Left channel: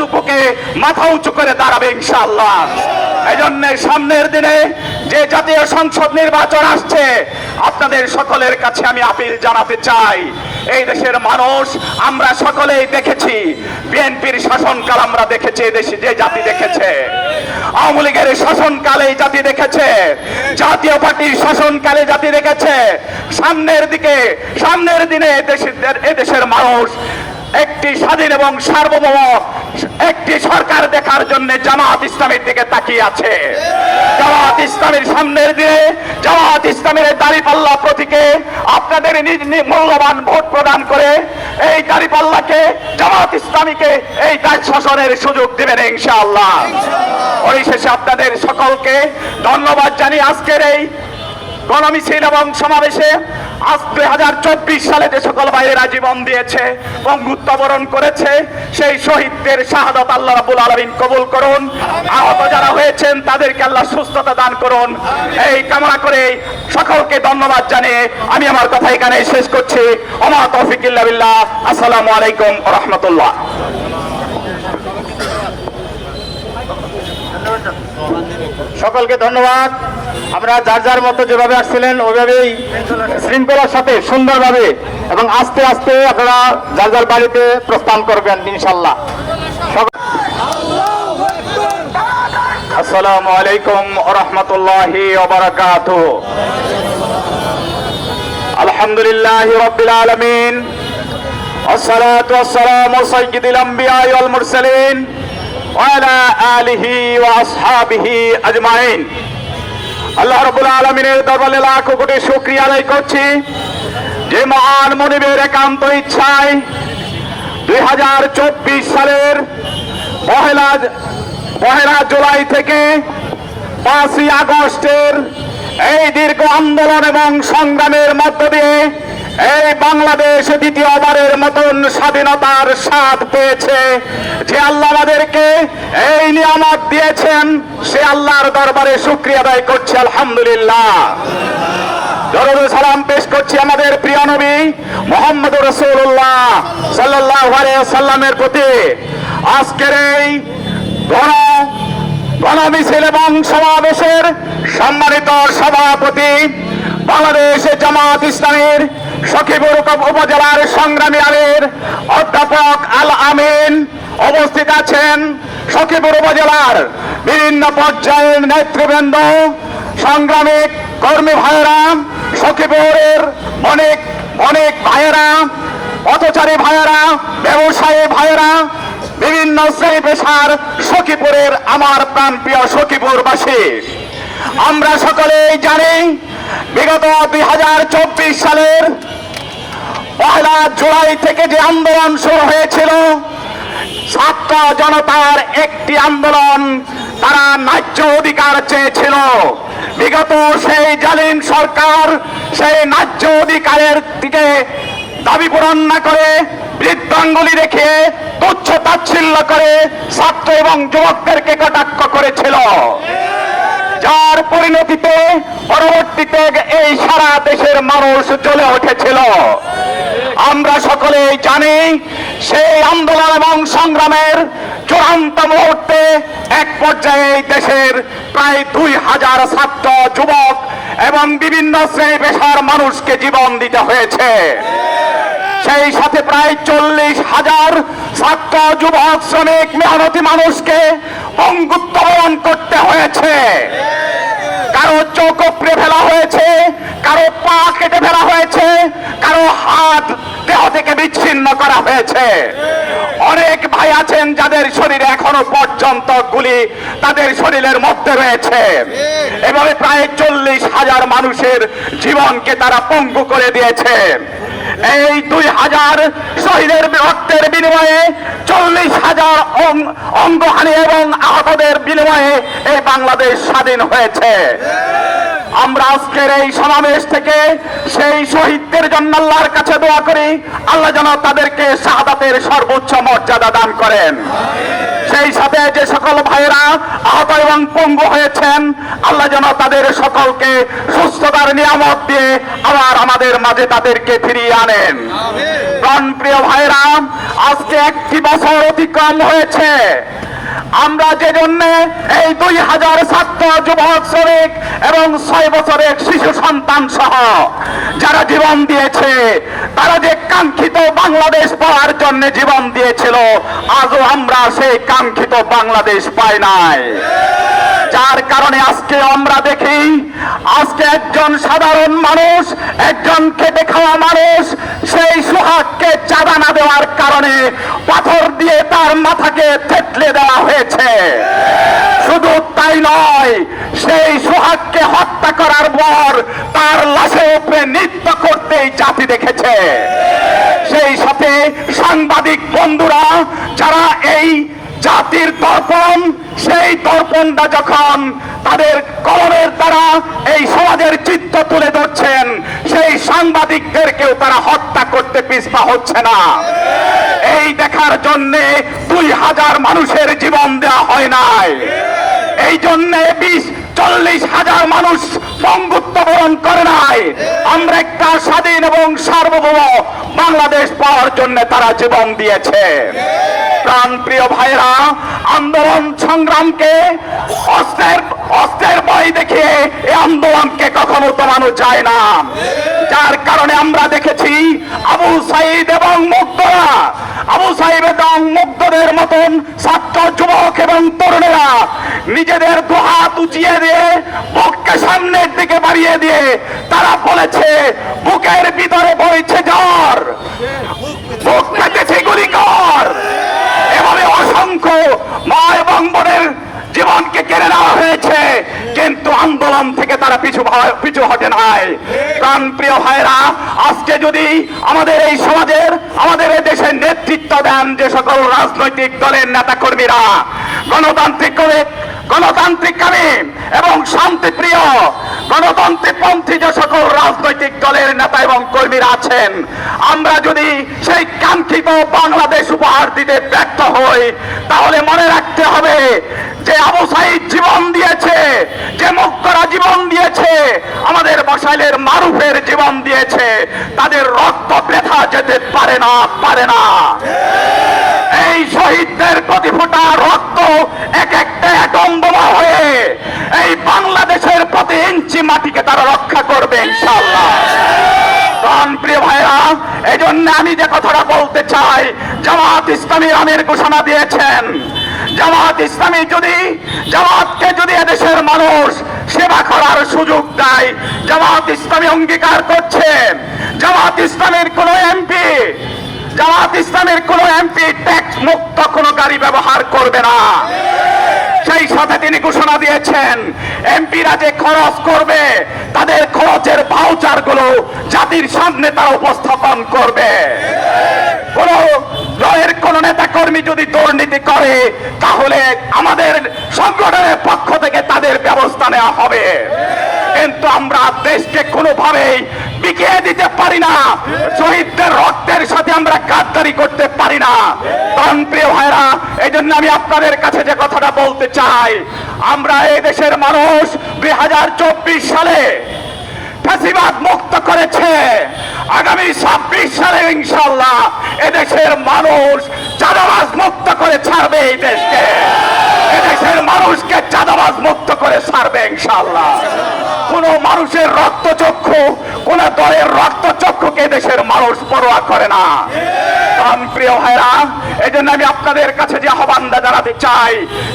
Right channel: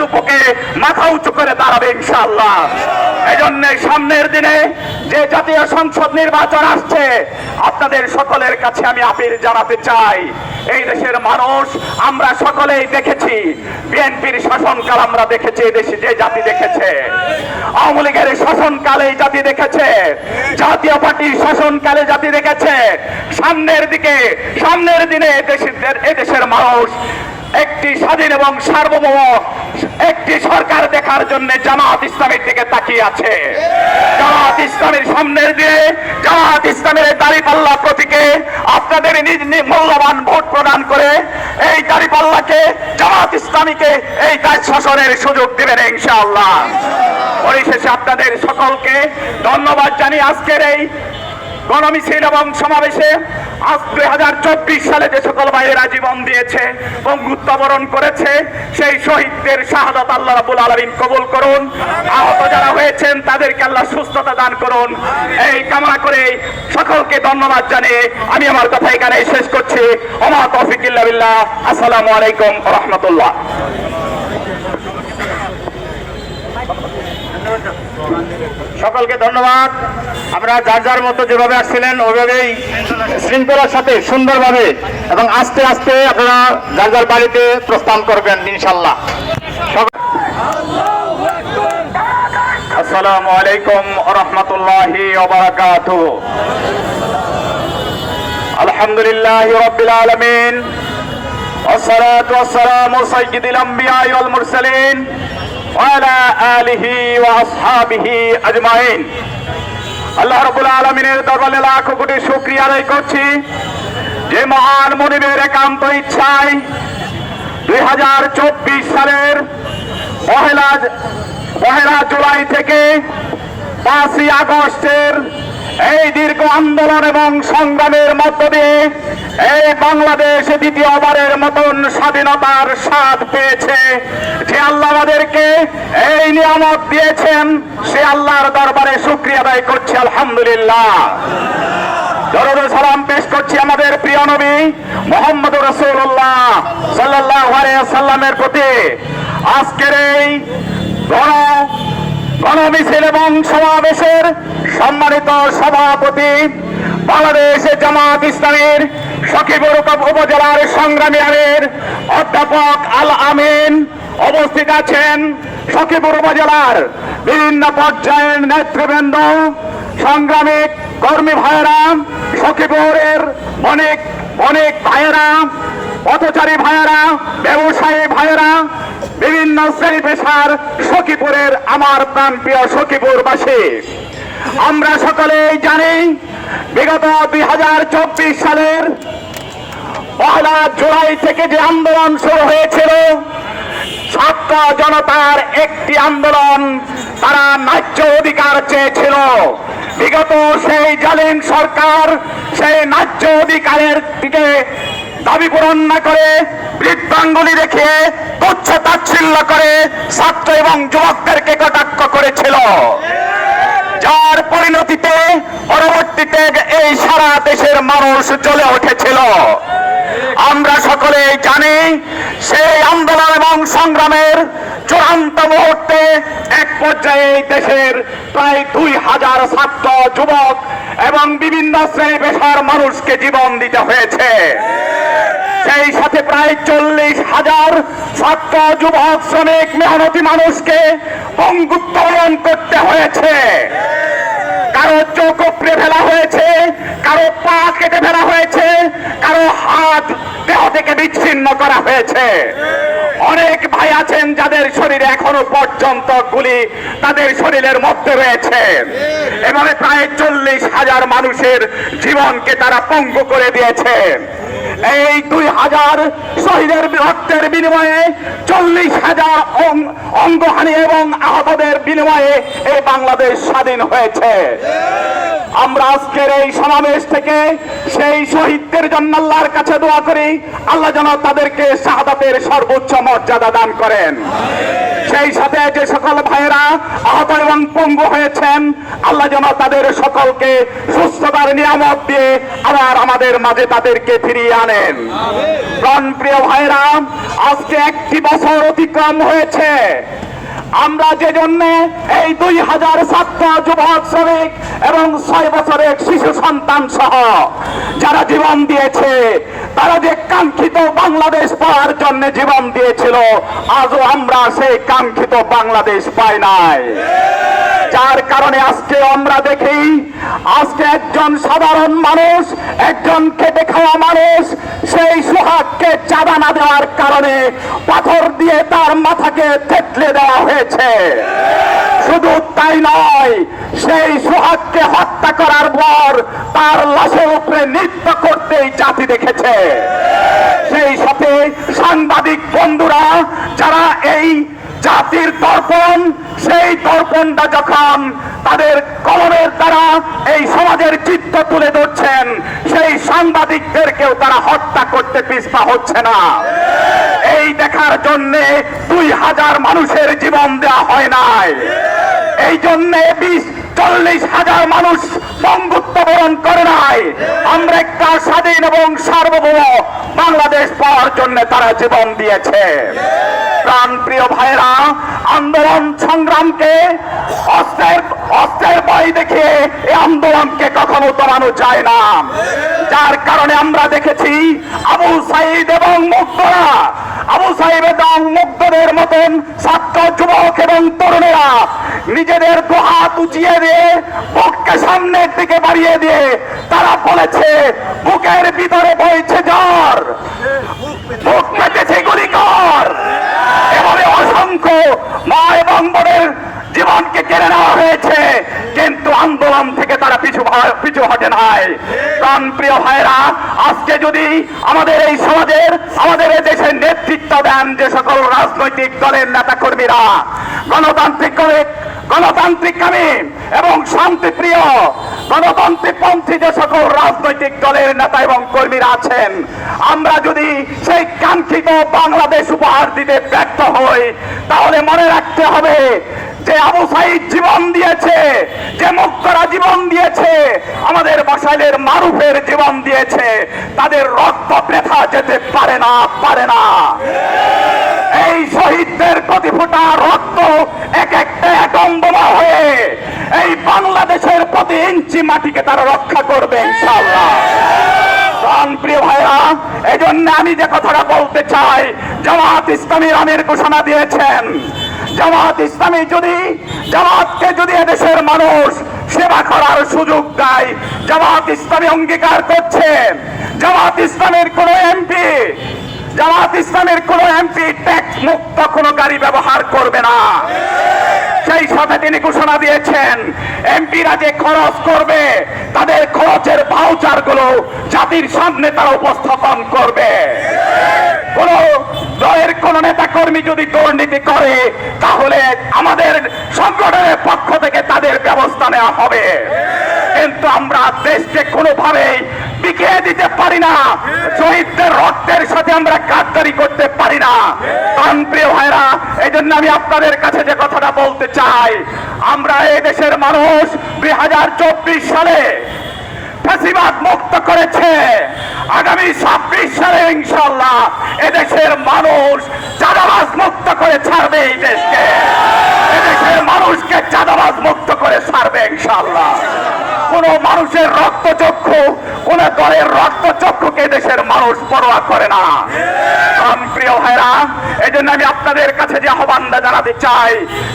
দুপকে মাথা উঁচু করে দাঁড়াবে ইনশাআল্লাহ। এই জন্য সামনের দিনে যে জাতীয় সংসদ নির্বাচন আসছে, আপনাদের সকলের কাছে আমি আপিল জানাতে চাই। এই দেশের মানুষ আমরা সকলেই দেখেছি, বিএনপির শাসনকাল আমরা দেখেছি দেশে যে জাতি দেখেছে। আওয়ামী লীগের শাসনকালে জাতি দেখেছে, জাতীয় পার্টির শাসনকালে জাতি দেখেছে। সামনের দিকে, সামনের দিনে এদেশের এদেশের মানুষ একটি স্বাধীন এবং সার্বভৌম, একটি সরকার দেখার জন্য জামাত ইসলামের দিকে তাকিয়ে আছে। জামাত ইসলামের সামনের দিয়ে, জামাত ইসলামের দাড়ি পাল্লা প্রতীকে আপনাদের নিজ মূল্যবান ভোট প্রদান করে এই দাড়ি পাল্লাকে জামাত ইসলামীকে এই কাজ শাসনের সুযোগ দেবেন ইনশাআল্লাহ। পরিশেষে আপনাদের সকলকে ধন্যবাদ জানিয়ে আজকের এই গণমিছিল এবং সমাবেশে আজ দুই হাজার চব্বিশ সালে যে সকল ভাইয়েরা জীবন দিয়েছে বঙ্গুত্ব বরণ করেছে, সেই শহীদদের শাহাদত আল্লাহ রাবুল আলমিন কবুল করুন। আহত যারা হয়েছেন, তাদেরকে আল্লাহ সুস্থতা দান করুন। এই কামনা করে সকলকে ধন্যবাদ জানিয়ে আমি আমার কথা এখানে শেষ করছি। ওমা বিল্লাহ। আসসালামু আলাইকুম রহমতুল্লাহ। সকলকে ধন্যবাদ আমরা যার যার মতো যেভাবে আসছিলেন ওইভাবেই শৃঙ্খলার সাথে সুন্দরভাবে এবং আস্তে আস্তে আপনারা যার যার বাড়িতে প্রস্থান করবেন ইনশাল্লাহ আসসালামু আলাইকুম রহমতুল্লাহি আলহামদুলিল্লাহ রবিল আলমিন والصلاة والسلام سيد الأنبياء والمرسلين وعلى آله وأصحابه أجمعين আল্লাহ রবুল আলমিনের দরবারে লাখো কোটি শুক্রিয়া আদায় করছি যে মহান মনিবের একান্ত ইচ্ছায় দুই হাজার চব্বিশ সালের পহেলা পহেলা জুলাই থেকে পাঁচই আগস্টের এই দীর্ঘ আন্দোলন এবং সংগ্রামের মধ্য দিয়ে এই বাংলাদেশ দ্বিতীয়বারের মতন স্বাধীনতার স্বাদ পেয়েছে। যে আল্লাহ আমাদেরকে এই নিয়ামত দিয়েছেন, সে আল্লাহর দরবারে শুক্রিয়া আদায় করছে, আলহামদুলিল্লাহ। দরুদ সালাম পেশ করছি আমাদের প্রিয় নবী মোহাম্মদ রসুল্লাহ সাল্লাহ সাল্লামের প্রতি। আজকের এই গণ গণমিছিল এবং সমাবেশের সম্মানিত সভাপতি বাংলাদেশ জামাত ইসলামের সখিপুর উপজেলার সংগ্রামী আলীর অধ্যাপক আল আমিন অবস্থিত আছেন সখিপুর উপজেলার বিভিন্ন পর্যায়ের নেতৃবৃন্দ, সংগ্রামী কর্মী ভাইয়েরা সখিপুরের অনেক অনেক ভাইয়েরা, পথচারী ভাইয়েরা, ব্যবসায়ী ভাইয়েরা, বিভিন্ন শ্রেণি পেশার সখীপুরের আমার প্রাণ প্রিয় সখীপুরবাসী। আমরা সকলেই জানি বিগত দুই হাজার চব্বিশ সালের পহেলা জুলাই থেকে যে আন্দোলন শুরু হয়েছিল ছাত্র জনতার একটি আন্দোলন তারা ন্যায্য অধিকার চেয়েছিল। বিগত সেই জালিম সরকার সেই ন্যায্য অধিকারের দিকে দাবি পূরণ না করে বৃদ্ধাঙ্গুলি রেখে তুচ্ছ তাচ্ছিল্য করে ছাত্র এবং যুবকদেরকে কটাক্ষ করেছিল। যার পরিণতিতে, পরবর্তীতে এই সারা দেশের মানুষ জ্বলে উঠেছিল। আমরা সকলেই জানি, সেই আন্দোলন এবং সংগ্রামের চূড়ান্ত মুহূর্তে এক পর্যায়ে দেশের প্রায় দুই হাজার ছাত্র, যুবক এবং বিভিন্ন শ্রেণি পেশার মানুষকে জীবন দিতে হয়েছে। সেই সাথে প্রায় চল্লিশ হাজার ছাত্র, যুবক, শ্রমিক মেহনতি মানুষকে পঙ্গুত্তরণ করতে হয়েছে। কারও চোখ উপড়ে ফেলা হয়েছে, কারও পা কেটে ফেলা হয়েছে, কারও হাত দেহ থেকে বিচ্ছিন্ন করা হয়েছে। অনেক ভাই আছেন যাদের শরীরে এখনও পর্যন্ত গুলি তাদের শরীরের মধ্যে রয়েছে। এবং প্রায় চল্লিশ হাজার মানুষের জীবনকে তারা পঙ্গু করে দিয়েছে। এই দুই হাজার শহীদের রক্তের বিনিময়ে চল্লিশ হাজার অঙ্গহানি এবং আহতদের বিনিময়ে এই বাংলাদেশ স্বাধীন হয়েছে। আমরা আজকের এই সমাবেশ থেকে সেই শহীদদের জন্য আল্লাহর কাছে দোয়া করি, আল্লাহ যেন তাদেরকে শাহাদাতের সর্বোচ্চ মর্যাদা দান করেন। সেই সাথে যে সকল ভাইয়েরা আহত এবং পঙ্গু হয়েছেন, আল্লাহ যেন তাদের সকলকে সুস্থতার নিয়ামত দিয়ে আবার আমাদের মাঝে তাদেরকে ফিরিয়ে আনেন। প্রাণ প্রিয় ভাইরা একটি বছর অতিক্রম হয়েছে। আমরা যে জন্য এই দুই হাজার ছাত্র যুবক, শ্রমিক এবং ছয় বছরের শিশু সন্তান সহ যারা জীবন দিয়েছে, তারা যে কাঙ্ক্ষিত বাংলাদেশ পাওয়ার জন্য জীবন দিয়েছিল, আজও আমরা সেই কাঙ্ক্ষিত বাংলাদেশ পাই নাই। যার কারণে আজকে আমরা দেখি, আজকে একজন সাধারণ মানুষ, একজন খেটে খাওয়া মানুষ, সেই সুহাগকে চাঁদা না দেওয়ার কারণে পাথর দিয়ে তার মাথাকে থেতলে দেওয়া হয়েছে। শুধু তাই নয়, সেই সুহাগকে হত্যা করার পর তার লাশের উপরে নৃত্য করতেই জাতি দেখেছে। সেই সাথে সাংবাদিক বন্ধুরা, যারা এই জাতির দর্পণ সেই দর্পণটা যখন তাদের কলমের দ্বারা এই সমাজের চিত্র তুলে ধরছেন, সেই সাংবাদিকদেরকেও তারা হত্যা করতে পিছপা হচ্ছে না। এই দেখার জন্যে দুই হাজার মানুষের জীবন দেওয়া হয় নাই। এই জন্য বিশ, চল্লিশ হাজার মানুষ বন্ধুত্ব বরণ করে নাই। আমরা একটা স্বাধীন এবং সার্বভৌম বাংলাদেশ পাওয়ার জন্য তারা জীবন দিয়েছে। প্রাণ প্রিয় ভাইরা আন্দোলন সংগ্রামকে অস্ত্রের অস্ত্রের ভয় দেখে এই আন্দোলনকে কখনো দমানো যায় না। যার কারণে আমরা দেখেছি আবু সাইদ এবং মুক্তরা আবু এবং মুক্তদের মতন ছাত্র, যুবক এবং তরুণেরা নিজেদের দুহাত উঁচিয়ে দিয়ে বুককে সামনের দিকে বাড়িয়ে দিয়ে তারা বলেছে, বুকের ভিতরে বইছে জ্বর। বুক জীবনকে কেড়ে নেওয়া হয়েছে, কিন্তু আন্দোলন থেকে তারা পিছু পিছু হটে নাই। প্রাণ প্রিয় ভাইরা আজকে যদি আমাদের এই সমাজের, আমাদের এই দেশের নেতৃত্ব দেন যে সকল রাজনৈতিক দলের নেতা কর্মীরা গণতান্ত্রিক গণতান্ত্রিক কামী এবং শান্তিপ্রিয়, গণতান্ত্রিক পন্থী যে সকল রাজনৈতিক দলের নেতা এবং কর্মীরা আছেন, আমরা যদি সেই কাঙ্ক্ষিত বাংলাদেশ উপহার দিতে ব্যর্থ হই, তাহলে মনে রাখতে হবে। যে আবু সাইদ জীবন দিয়েছে, যে মুক্তরা জীবন দিয়েছে, আমাদের বসাইলের মারুফের জীবন দিয়েছে। তাদের রক্ত ব্যথা যেতে পারে না পারে না। এই শহীদদের প্রতি ফোঁটা রক্ত এক একটা অ্যাটম বোমা হয়ে এই বাংলাদেশের প্রতি ইঞ্চি মাটিকে তারা রক্ষা করবে, ইনশাআল্লাহ। প্রিয় ভাইরা এই জন্য আমি যে কথাটা বলতে চাই জামাত ইসলামী আমির ঘোষণা দিয়েছেন। জামাত ইসলামী যদি, জামাতকে যদি এদেশের মানুষ সেবা করার সুযোগ দেয়, জামাত ইসলামী অঙ্গীকার করছে। জামাত ইসলামের কোন এমপি, জামাত ইসলামের কোন এমপি ট্যাক্স মুক্ত কোনো গাড়ি ব্যবহার করবে না। সেই সাথে তিনি ঘোষণা দিয়েছেন, এমপিরা যে খরচ করবে, তাদের খরচের ভাউচারগুলো জাতির সামনে তারা উপস্থাপন করবে। কোন দলের কোন নেতা কর্মী যদি দুর্নীতি করে, তাহলে আমাদের সংগঠনের পক্ষ থেকে তাদের ব্যবস্থা নেওয়া হবে। কিন্তু আমরা দেশকে কোনোভাবেই বিকিয়ে দিতে পারি না। শহীদদের রক্তের সাথে আমরা গাদ্দারি করতে পারি না। প্রাণ প্রিয় ভাইরা এই জন্য আমি আপনাদের কাছে যে কথাটা বলতে চাই, আমরা এই দেশের মানুষ দুই হাজার চব্বিশ সালে ফ্যাসিবাদ মুক্ত করেছে। আগামী ছাব্বিশ সালে ইনশাল্লাহ এদেশের মানুষ চাঁদাবাজ মুক্ত করে ছাড়বে এই দেশকে। এদেশের মানুষকে চাঁদাবাজ মুক্ত করে ছাড়বে ইনশাল্লাহ কোন মানুষের রক্তচক্ষু, কোন দলের রক্তচক্ষুকে দেশের মানুষ পরোয়া করে না। প্রিয় ভাইরা এই জন্য আমি আপনাদের কাছে যে জানাতে চাই,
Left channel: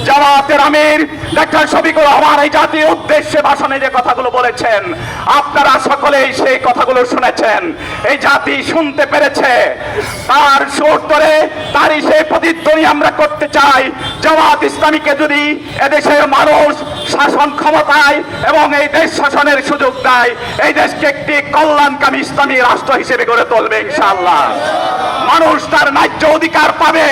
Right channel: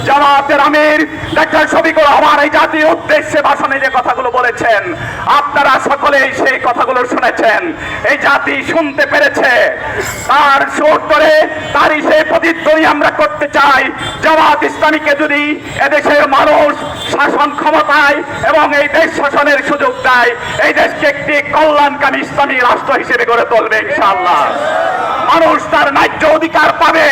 জামাতের আমির ডাক্তার এই জাতির উদ্দেশ্যে ভাষণে যে কথাগুলো বলেছেন, আপনারা সকলেই সেই কথাগুলো শুনেছেন। এই জাতি শুনতে পেরেছে। তার সুর করে তারই সেই প্রতিধ্বনি আমরা করতে চাই। জামাত ইসলামীকে যদি এদেশের মানুষ শাসন ক্ষমতায় এবং এই দেশ শাসনের সুযোগ দেয়, এই দেশকে একটি কল্যাণকামী ইসলামী রাষ্ট্র হিসেবে গড়ে তুলবে ইনশাআল্লাহ। মানুষ তার ন্যায্য অধিকার পাবে।